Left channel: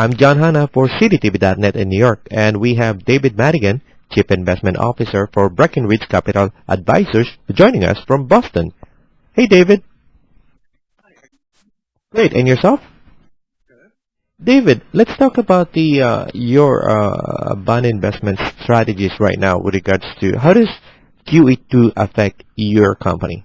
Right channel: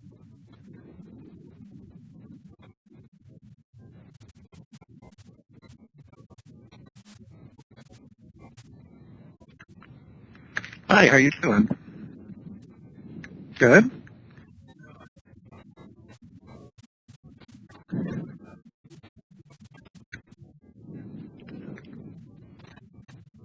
I'm John Hanna for CityTV.net in New York, and we have David Madigan, Chief Investment Officer for Breckinridge Capital Advisors, joining us from Boston. Hey, David. Hi, how you doing? Great, and yourself? Good. David, let's talk about your bond investment strategies right now with regards to how does QE2 affect your company?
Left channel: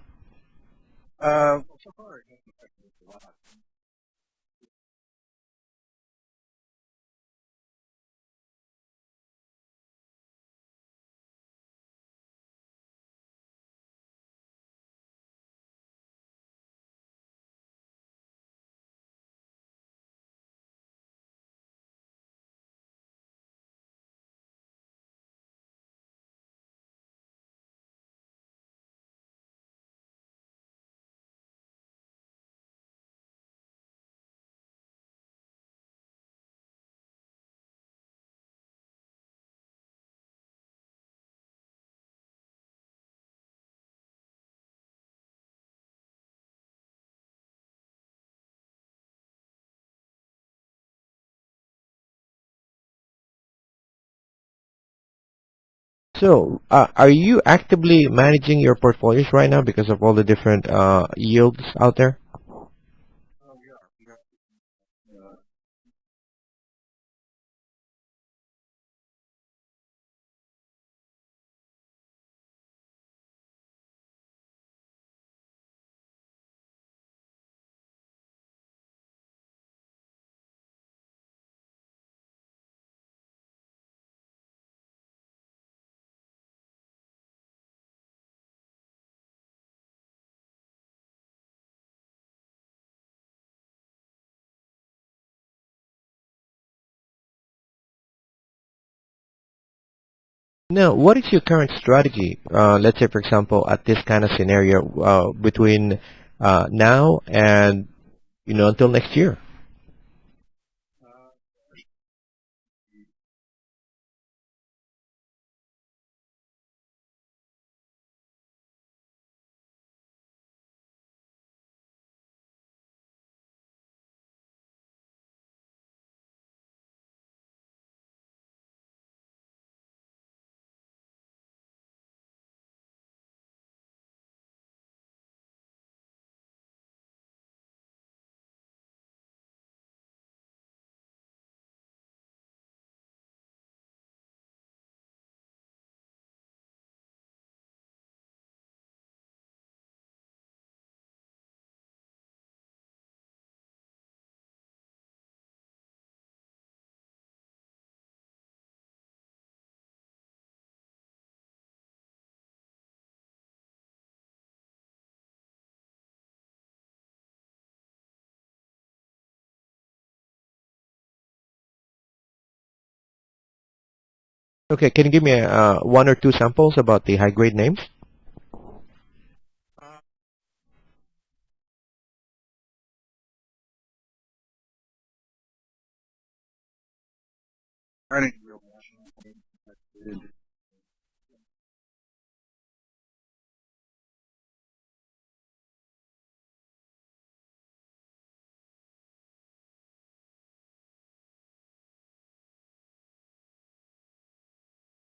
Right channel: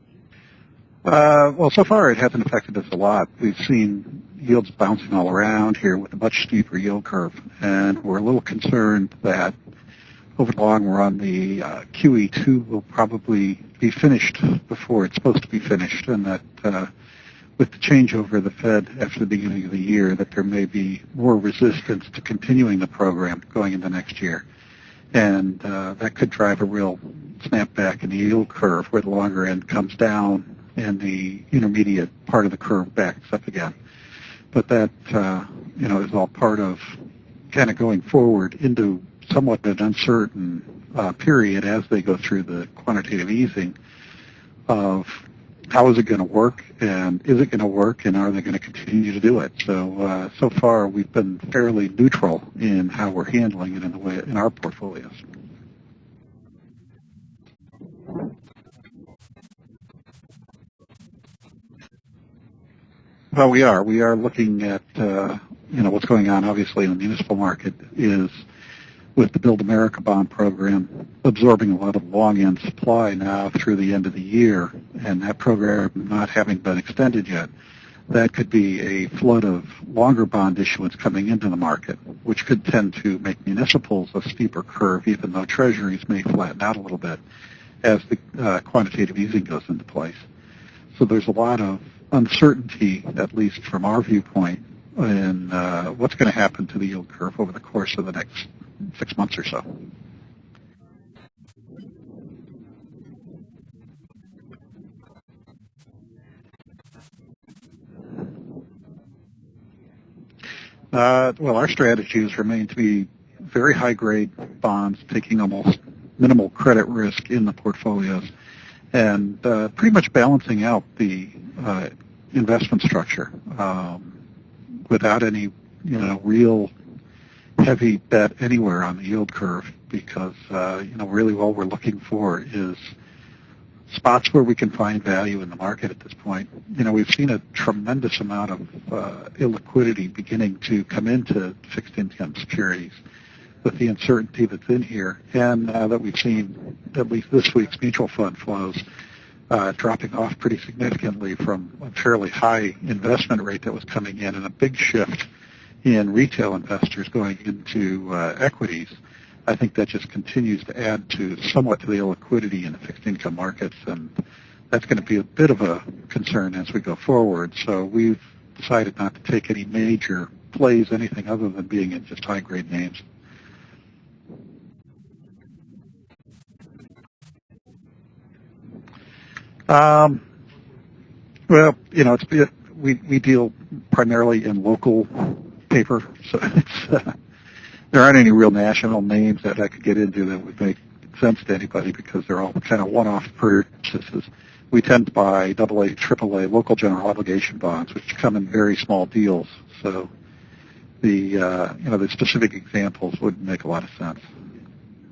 Well, so far it hasn't affected us a lot. We've seen yields bouncing all around here with a much steeper yield curve, and we're a little concerned that over the long run the QE2 will probably be finished before it's supposed to be finished, and that with the changeover of the Fed after the beginning of the year, that there may be more resistance to continuing the program going into next year. And that could drive a real snapback in the yield curve where the longer end comes down and the intermediate part of the curve backs up again. But that, is all part of kind of going forward into somewhat an uncertain period as they go through the quantitative easing of how is it going to work, and is it going to work, and are they going to continue to do it? So, so far we've been fairly neutral in how we're handling it in our portfolios. So, are you actively managing your portfolios right now because of all the different yields out there? Well, we are. We are looking at, what's going on, obviously, in the municipal market is with the Build America bond program absorbing a lot of long-end supply now through the end of the year, and that program not having been extended yet. That could be a flood of longer bond issuance coming into the market, which could tend to make municipals a steeper curve, even though treasuries may flatten out a little bit as the quantitative easing goes into place. So there's a lot of uncertainty, at least from our viewpoint, in what's going to happen to the yield curve over the course of the next 6 months or so. Now, what is your current strategy, let's say, for example, at this kind of scenario between now and, until next year? Well, our strategies remain to be very high-grade bonds, taking almost minimal credit risk in the portfolios, and pretty much balancing out the investment structure without any, real heavy bet anywhere on the yield curve, because really what we're looking for is spots where we can find value in the market at this point. We've seen a tremendous amount of illiquidity beginning to come into fixed income securities with the uncertainty that's in here, and that we've seen at least this week's mutual fund flows dropping off pretty significantly from a fairly high investment rate that was coming in, and a big shift in retail investors going into equities. I think that just continues to add somewhat to the illiquidity in the fixed income markets, and that's going to be a bit of a concern as we go forward. So we've decided not to take any major plays, anything other than being in just high-grade names. Okay, can you give me one or two samples about the high-grade names? Well, we deal primarily in local paper, so there aren't any real national names that I could get into that would make sense to anybody, because they're all kind of one-off purchases. We tend to buy AA, AAA local general obligation bonds, which come in very small deals. So the specific examples wouldn't make a lot of sense.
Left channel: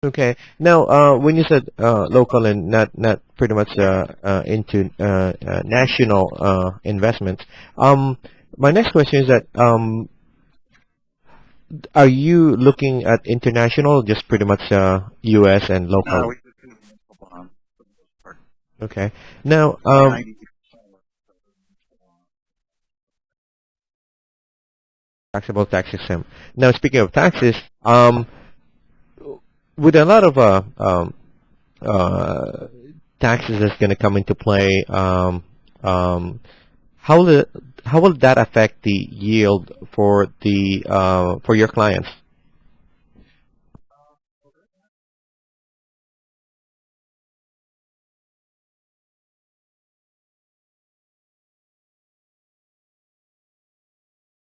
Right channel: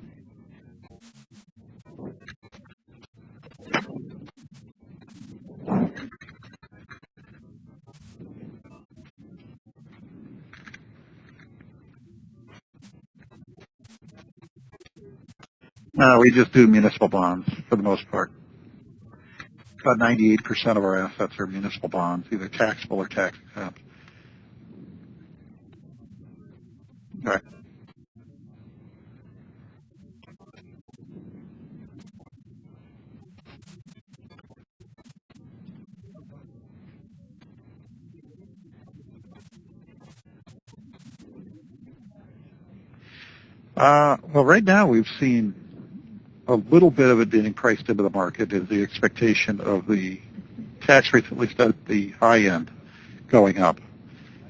Okay. Now, when you said local and not pretty much into national investments, my next question is that are you looking at international, just pretty much U.S. and local? No, we just do municipal bonds for the most part. Okay. Now, 98% of our assets are municipal bonds, either taxable or tax exempt. Taxable, tax exempt. Now, speaking of taxes, with a lot of taxes that's going to come into play, how will that affect the yield for your clients? Well, right now we've seen a little bit of it being priced into the market, is the expectation of the tax rates, at least at the high end, going up,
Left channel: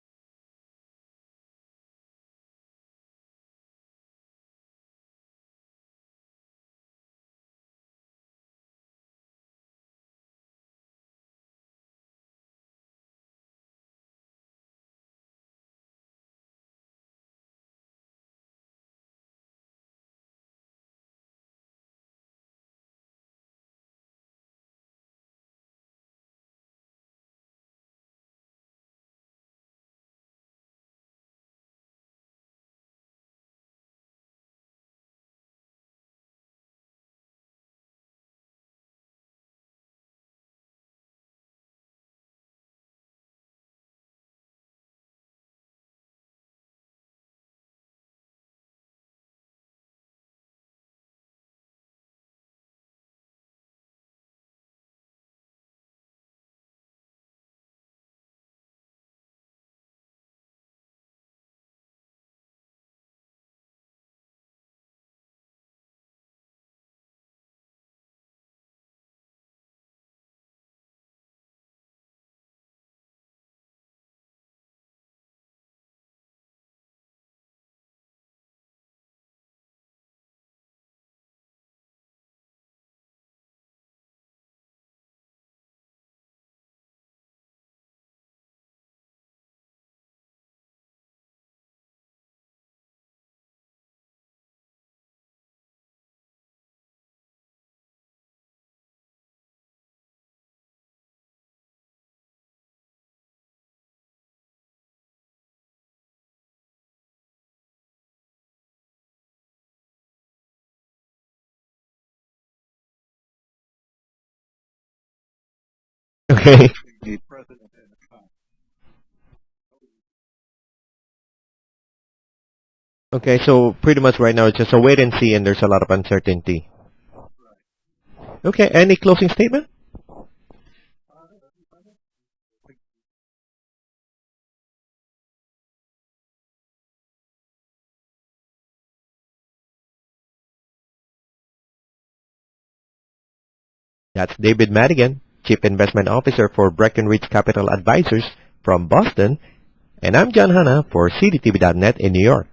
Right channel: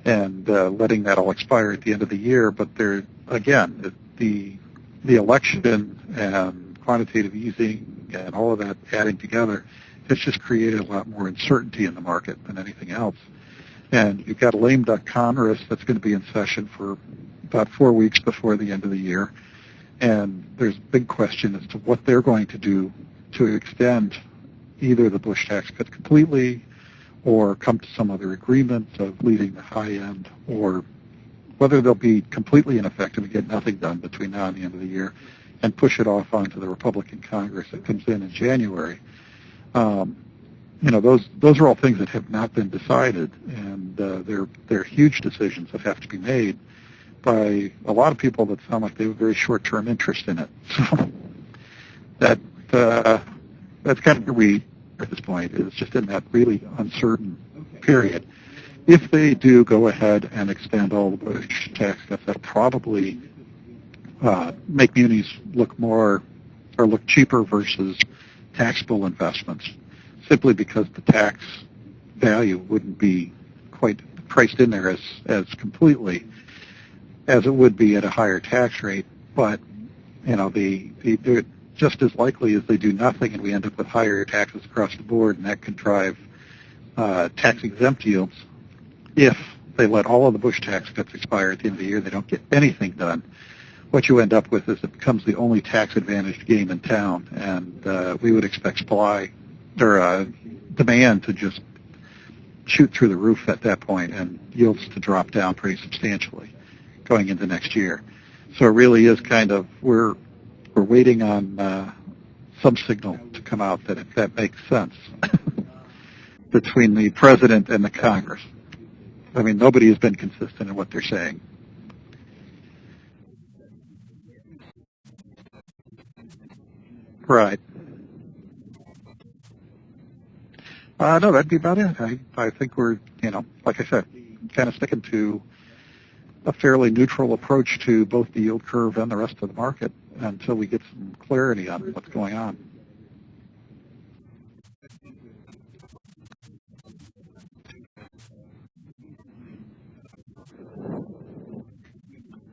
and letting that all expire at the end of the year. But there, again, the election and quantitative easing and all of that adding together has just created a lot more uncertainty in the market than anything else. And you've got a lame duck Congress that's going to be in session for about 4 weeks before the end of the year. And there's a big question as to what they're going to do to extend either the Bush tax cuts completely or come to some other agreement of leaving the high end, or whether they'll be completely ineffective and get nothing done between now and the end of the year and push it off onto the Republican Congress that comes in January. Those are all things that have not been decided, and they're huge decisions that have to be made by a lot of people that sound like they have a very short-term interest in it. So that's kind of where we are at this point, is just in that really uncertain period. If they do go ahead and extend all the Bush tax cuts, that probably make munis look cheaper versus taxable investments, simply because the tax value wouldn't be quite priced in there as completely as it would be at a higher tax rate. But they're just as likely as they do nothing and we end up with higher taxes across the board, and that can drive tax-exempt yields. If they let all of the Bush tax cuts expire at the end of the year, they don't get anything done. What you end up with is it becomes the only tax-advantaged game in town, and we would expect supply or demand to just shoot through the roof at that point, and yields to drop down pretty substantially going into next year. So it really is kind of we're waiting on some signal to come out that makes sense Okay. between the president and the Congress. I mean, nobody has been consistent in what they're saying. Okay, so pretty much right now it's just a wait and see, and there's a lot of uncertainty. Right. Okay, any closing statement? No, that'd be about it. I think we're, like I said, kind of sticking to a fairly neutral approach to both the yield curve and the rest of the market until we get some clarity on what's going on. That's David Madigan, Chief Investment Officer for Breckinridge Capital Advisors from Boston, and I'm John Hanna for CDTV.net in New York.